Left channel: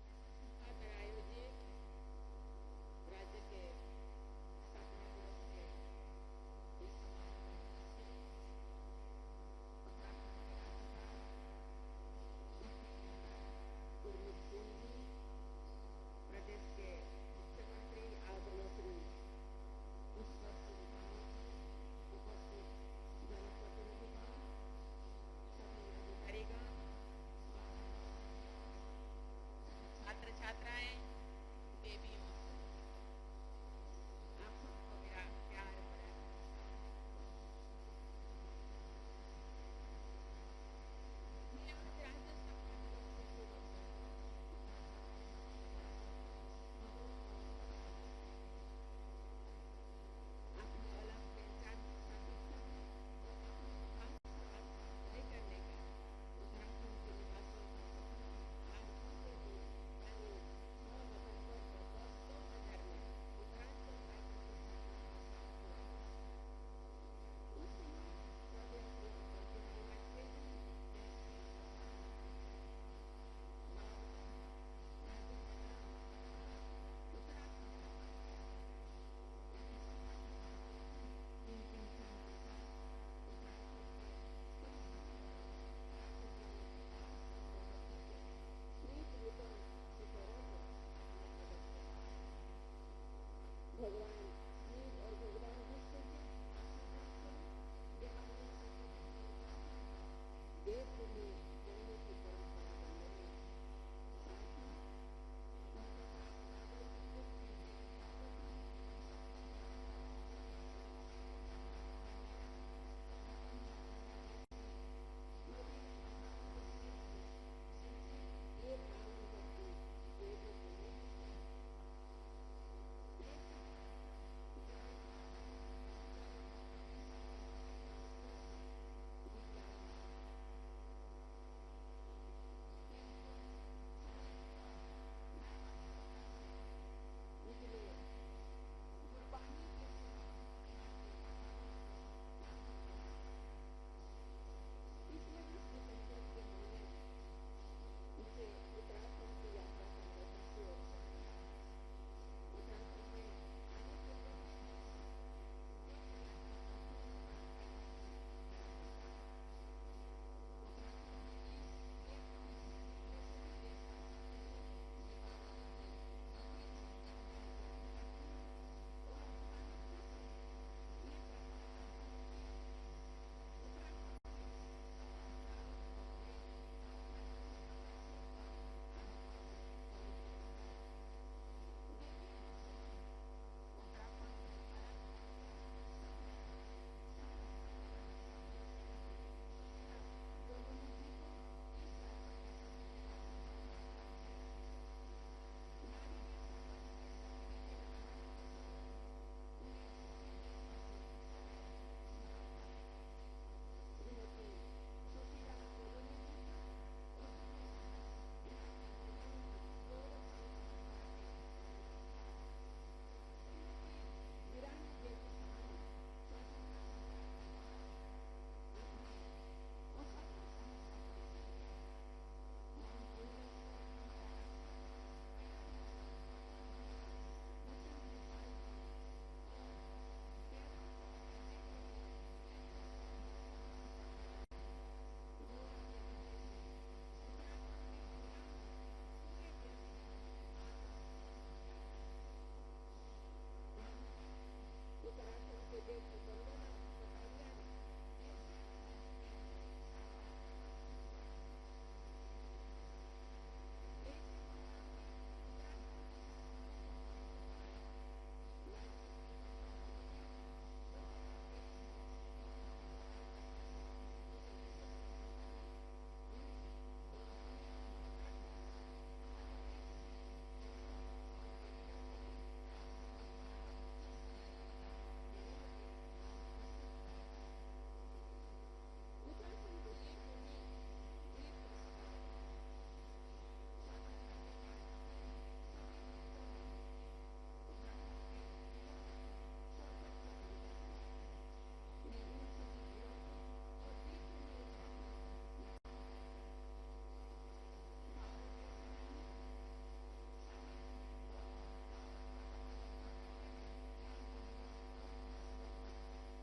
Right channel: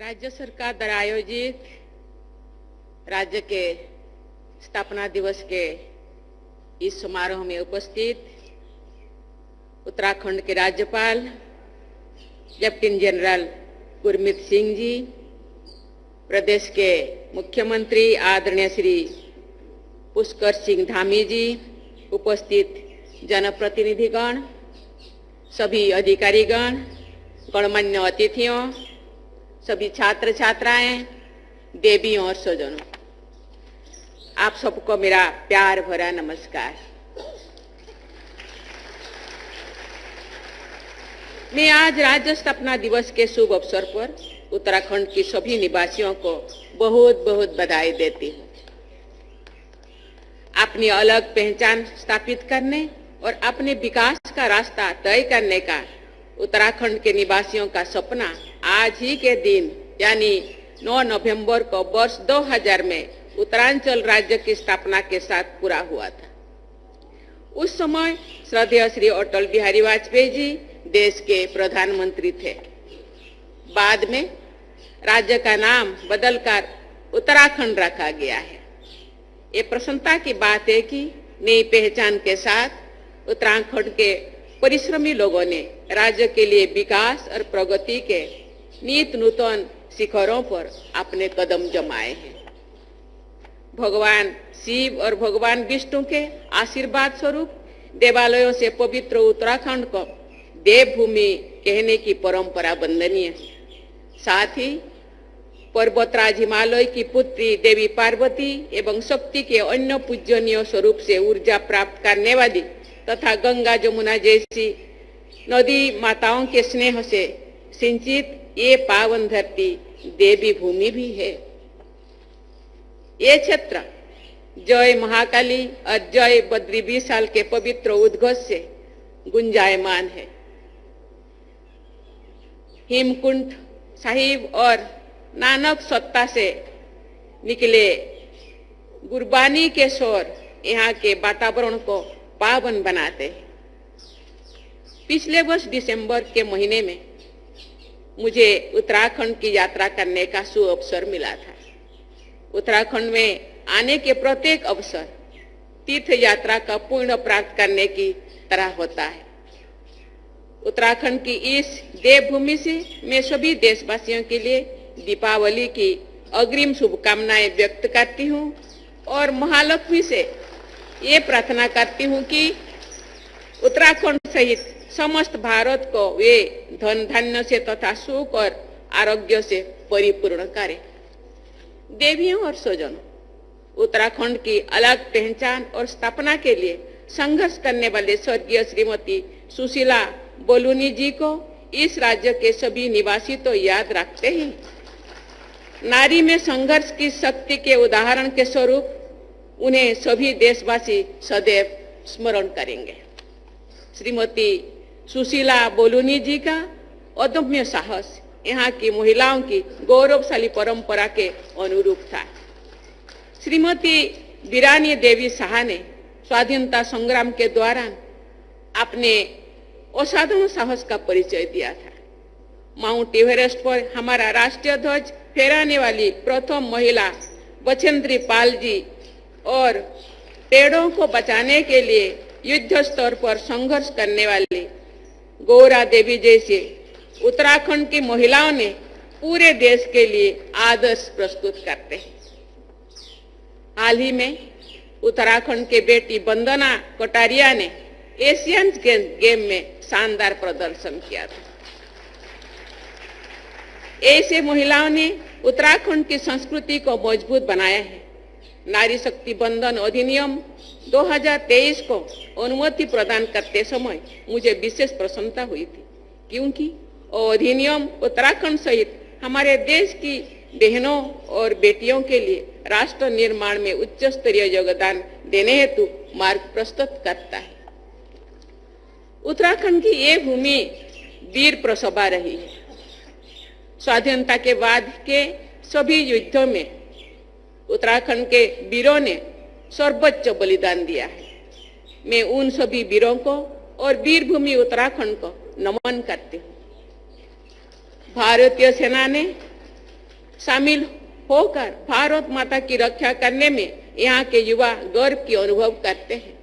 राज्य सरकार द्वारा आयोजित राज्य के स्थापना दिवस के इस समारोह में उपस्थित उत्तराखंड के राज्यपाल लेफ्टिनेंट जनरल गुरमीत सिंह जी, प्रदेश के मुख्यमंत्री आदरणीय श्री पुष्कर सिंह धामी जी, उपस्थित जनप्रतिनिधिगण, सभी अधिकारीगण, गणमान्य अतिथियों, सभी छात्र छात्राएं, देवियों और स्वजनों, आप सबको मेरा प्यार भरा नमस्कार। मैं आज राज्य स्थापना दिवस के शुभ अवसर पर उत्तराखंड की सभी निवासियों को बहुत बहुत बधाई देती हूँ। अपनी अलग पहचान स्थापित करने और अपने विकास का रास्ता तय करने का उत्तराखंड के निवासियों का सपना आज ही के दिन यानी 9 नवंबर को वर्ष 2000 में उत्तरांचल राज्य की स्थापना के साथ पूरा हुआ था। उस समय श्रद्धेय श्री अटल बिहारी वाजपेयी जी देश के प्रधानमंत्री थे। बाद में राज्य का नाम बदलकर उत्तराखंड रखा गया है। ये प्रसन्नता की बात है कि नई पहचान के साथ उत्तराखंड के परिश्रमी लोगों ने राज्य के लिए विकास और प्रगति के नित नूतन शिखरों पर अपने कदम जमाए हैं। भगवान शिव और भगवान विष्णु के आशीर्वाद स्वरूप देवालयों से पवित्र उत्तराखंड को देवभूमि कहने की परंपरा वंदनीय है। साथ ही पर्वतराज हिमालय की पुत्री देवी पार्वती एवं शक्ति के अन्य पूजनीय स्वरूप से ऊर्जा प्राप्त करने वाली तथा गंगा जमुना जैसी नदी माताओं के स्नेह से सिंचित ये पावन धरती देवी भूमि भी है। ये क्षेत्र जय महाकाली और जय बद्री विशाल के पवित्र उद्घोष से गुंजायमान है। हेमकुंड साहिब और नानक सत्ता से निकले गुरबानी के स्वर यहाँ के वातावरण को पावन बनाते हैं। पिछले वर्ष दिसंबर के महीने में मुझे उत्तराखंड की यात्रा करने का सुअवसर मिला था। उत्तराखंड में आने के प्रत्येक अवसर तीर्थ यात्रा का पुण्य प्राप्त करने की तरह होता है। उत्तराखंड की इस देवभूमि से मैं सभी देशवासियों के लिए दीपावली की अग्रिम शुभकामनाएं व्यक्त करती हूं और महालक्ष्मी से ये प्रार्थना करती हूं कि उत्तराखंड सहित समस्त भारत को वे धन धान्य से तथा सुख और आरोग्य से परिपूर्ण करें। देवियों और स्वजनों, उत्तराखंड की अलग पहचान और स्थापना के लिए संघर्ष करने वाले स्वर्गीय श्रीमती सुशीला बोलूनी जी को इस राज्य के सभी निवासी तो याद रखते ही नारी में संघर्ष की शक्ति के उदाहरण के स्वरूप उन्हें सभी देशवासी सदैव स्मरण करेंगे। श्रीमती सुशीला बोलूनी जी का अदम्य साहस यहाँ की महिलाओं की गौरवशाली परंपरा के अनुरूप था। श्रीमती वीरानी देवी शाह ने स्वाधीनता संग्राम के दौरान अपने असाधारण साहस का परिचय दिया था। माउंट एवरेस्ट पर हमारा राष्ट्रीय ध्वज फहराने वाली प्रथम महिला बछेंद्री पाल जी और पेड़ों को बचाने के लिए युद्ध स्तर पर संघर्ष करने वाली गौरा देवी जैसे उत्तराखंड की महिलाओं ने पूरे देश के लिए आदर्श प्रस्तुत करते हैं। हाल ही में उत्तराखंड के बेटी वंदना कटारिया ने एशियन गेम में शानदार प्रदर्शन किया था। ऐसे महिलाओं ने उत्तराखंड की संस्कृति को मजबूत बनाया है। नारी शक्ति बंधन अधिनियम 2023 को अनुमति प्रदान करते समय मुझे विशेष प्रसन्नता हुई थी, क्योंकि अधिनियम उत्तराखंड सहित हमारे देश की बहनों और बेटियों के लिए राष्ट्र निर्माण में उच्च स्तरीय योगदान देने हेतु मार्ग प्रस्तुत करता है। उत्तराखंड की ये भूमि वीर प्रसभा रही है। स्वाधीनता के बाद के सभी युद्धों में उत्तराखंड के वीरों ने सर्वोच्च बलिदान दिया है। मैं उन सभी वीरों को और वीरभूमि उत्तराखंड को नमन करती हूँ। भारतीय सेना ने शामिल होकर भारत माता की रक्षा करने में यहाँ के युवा गर्व की अनुभव करते हैं।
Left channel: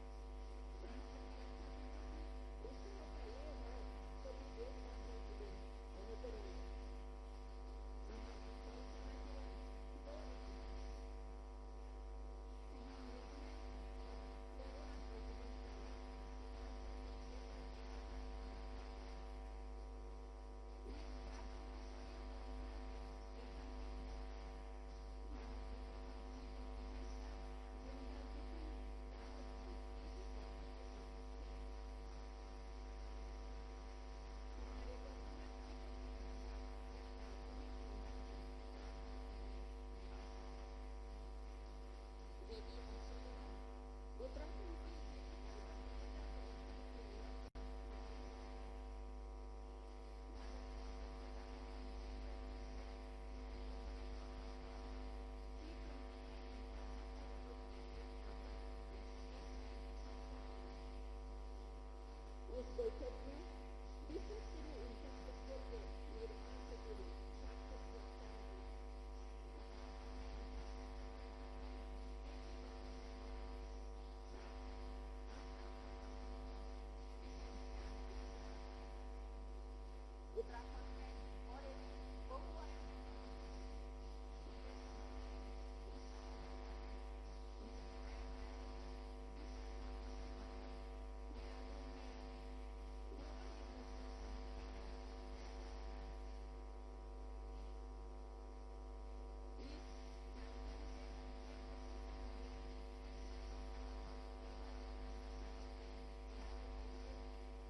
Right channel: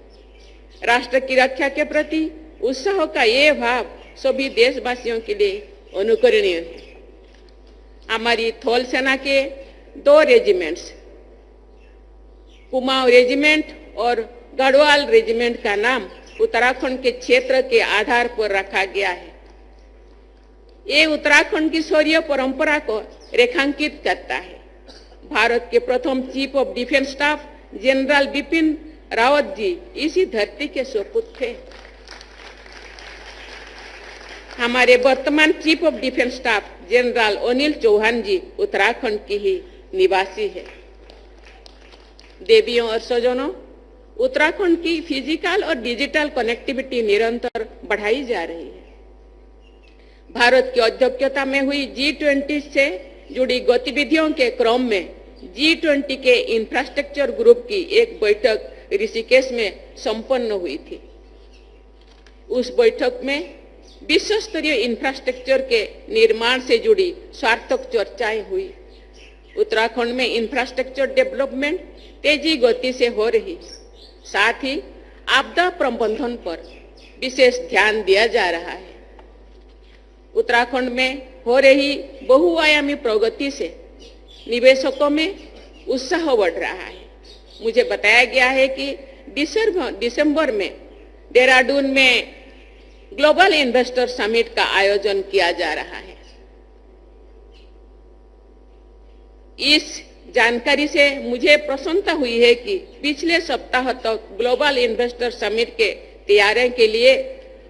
राष्ट्र की रक्षा के प्रति उत्साह का ये भाव सभी देशवासियों के लिए अनुकरणीय है। हमारी थल सेना के 2 रेजिमेंट्स, कुमाऊं रेजिमेंट और गढ़वाल रेजिमेंट का नाम उत्तराखंड के क्षेत्र के आधार पर रखा गया है। ये उत्तराखंड की शौर्य परंपरा को रेखांकित करता है। भारत के प्रथम chief of defence staff general Bipin Rawat ji इसी धरती के सुपुत्र थे। हमारे वर्तमान chief of defence staff general Anil Chauhan ji Uttarakhand की ही निवासी है। देवियों और सज्जनों, उत्तराखंड की फिजिकल और डिजिटल कनेक्टिविटी निरंतर बढ़ाई जा रही है। भारत की अध्यक्षता में हुई G20 से जुड़ी गतिविधियों के क्रम में G20 के इंफ्रास्ट्रक्चर ग्रुप की एक बैठक ऋषिकेश में संपन्न हुई थी। उस बैठक में विश्व स्तरीय इंफ्रास्ट्रक्चर के निर्माण से जुड़ी सार्थक चर्चाएं हुई। उत्तराखंड में इंफ्रास्ट्रक्चर डेवलपमेंट तेजी गति से हो रही है। साथ ही आपदा प्रबंधन पर विशेष ध्यान दिया जा रहा है। उत्तराखंड में हो रही बहुआयामी प्रगति से निवेशकों में उत्साह बढ़ रहा है। मुझे बताया गया है कि दिसंबर में देहरादून में ग्लोबल इन्वेस्टर समिट का आयोजन किया जा रहा है। इस जानकारी से मुझे प्रसन्नता हुई है कि पिछले सप्ताह तक ग्लोबल इन्वेस्टर समिट के तैयारियों के लिए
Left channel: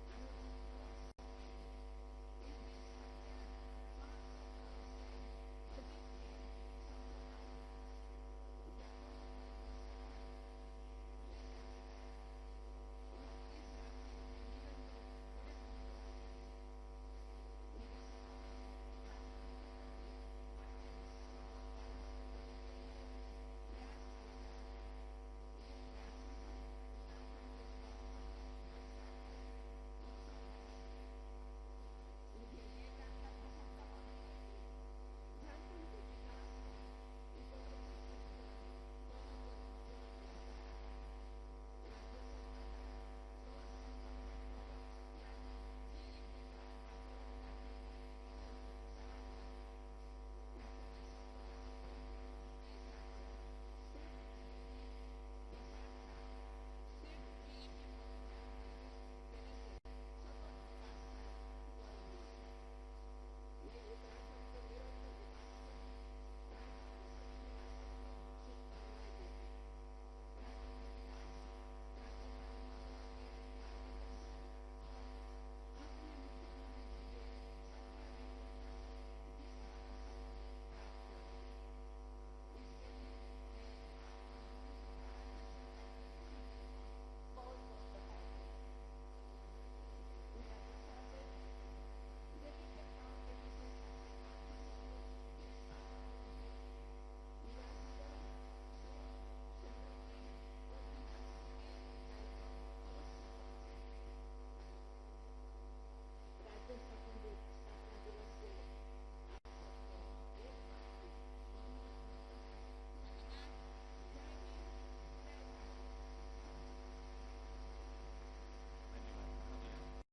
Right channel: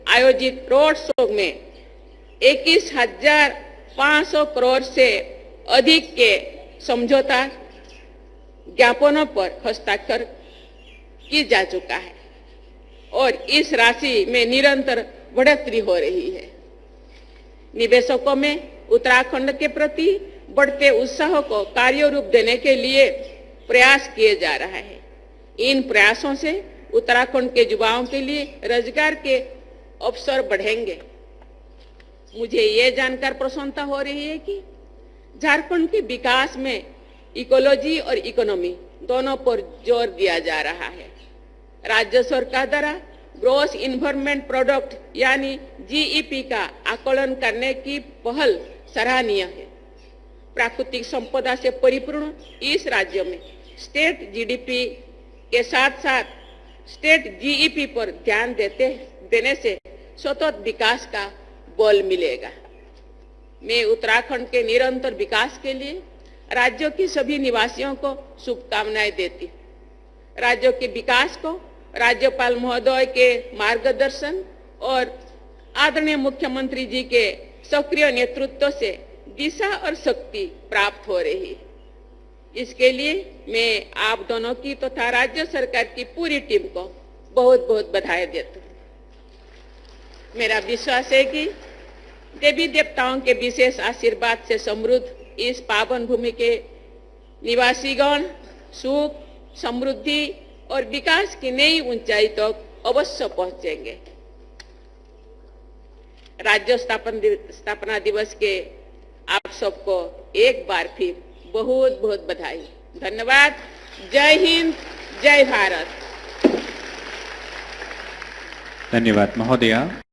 आयोजित रोड शो में 21,500 करोड़ से अधिक के समझौता ज्ञापनों पर हस्ताक्षर की जा चुका है और इस राशि में निरंतर बढ़ोतरी हो रही है। निवेशकों में उत्तराखंड के प्रति बढ़ते उत्साह को कार्य रूप देने के लिए प्रयास किए जा रहा है। इन प्रयासों से उत्तराखंड के युवाओं के लिए रोजगार के अवसर बढ़ेंगे। मुझे ये जानकर प्रसन्नता हो रही है कि झारखंड के विकास में इकोलॉजी और इकोनॉमी दोनों पर जोर दिया जा रहा है। राज्य सरकार द्वारा ग्रॉस इन्वायरमेंट प्रोडक्ट यानी GEP का आकलन करने की पहल सराहनीय है। प्राकृतिक संपदा से परिपूर्ण इस राज्य में स्टेट GDP के साथ साथ स्टेट GEP पर ध्यान देने से सतत विकास का बल मिलेगा। मैं उत्तराखंड के निरंतर विकास के लिए राज्यों की सभी निवासियों को शुभकामनाएं देती हूँ। राज्यों के विकास को राज्यपाल महोदय के मार्गदर्शन और आदरणीय मुख्यमंत्री जी के सक्रिय नेतृत्व से दिशा और शक्ति प्राप्त हो रही है। इसके लिए मैं आप दोनों की तथा राज्य सरकार की पूरी टीम को बहुत बहुत बधाई देता हूँ। मेरा विश्वास है कि देवी देवताओं के विशेष आशीर्वाद से समृद्ध इस पावन भूमि के निवासीगण सुख, समृद्धि और विकास की नई ऊंचाई तक अवश्य पहुंचेंगे। राज्य स्थापना दिवस के आप सबको एक बार फिर बहुत बहुत बधाई। धन्यवाद। जय हिंद, जय भारत। धन्यवाद महोदया।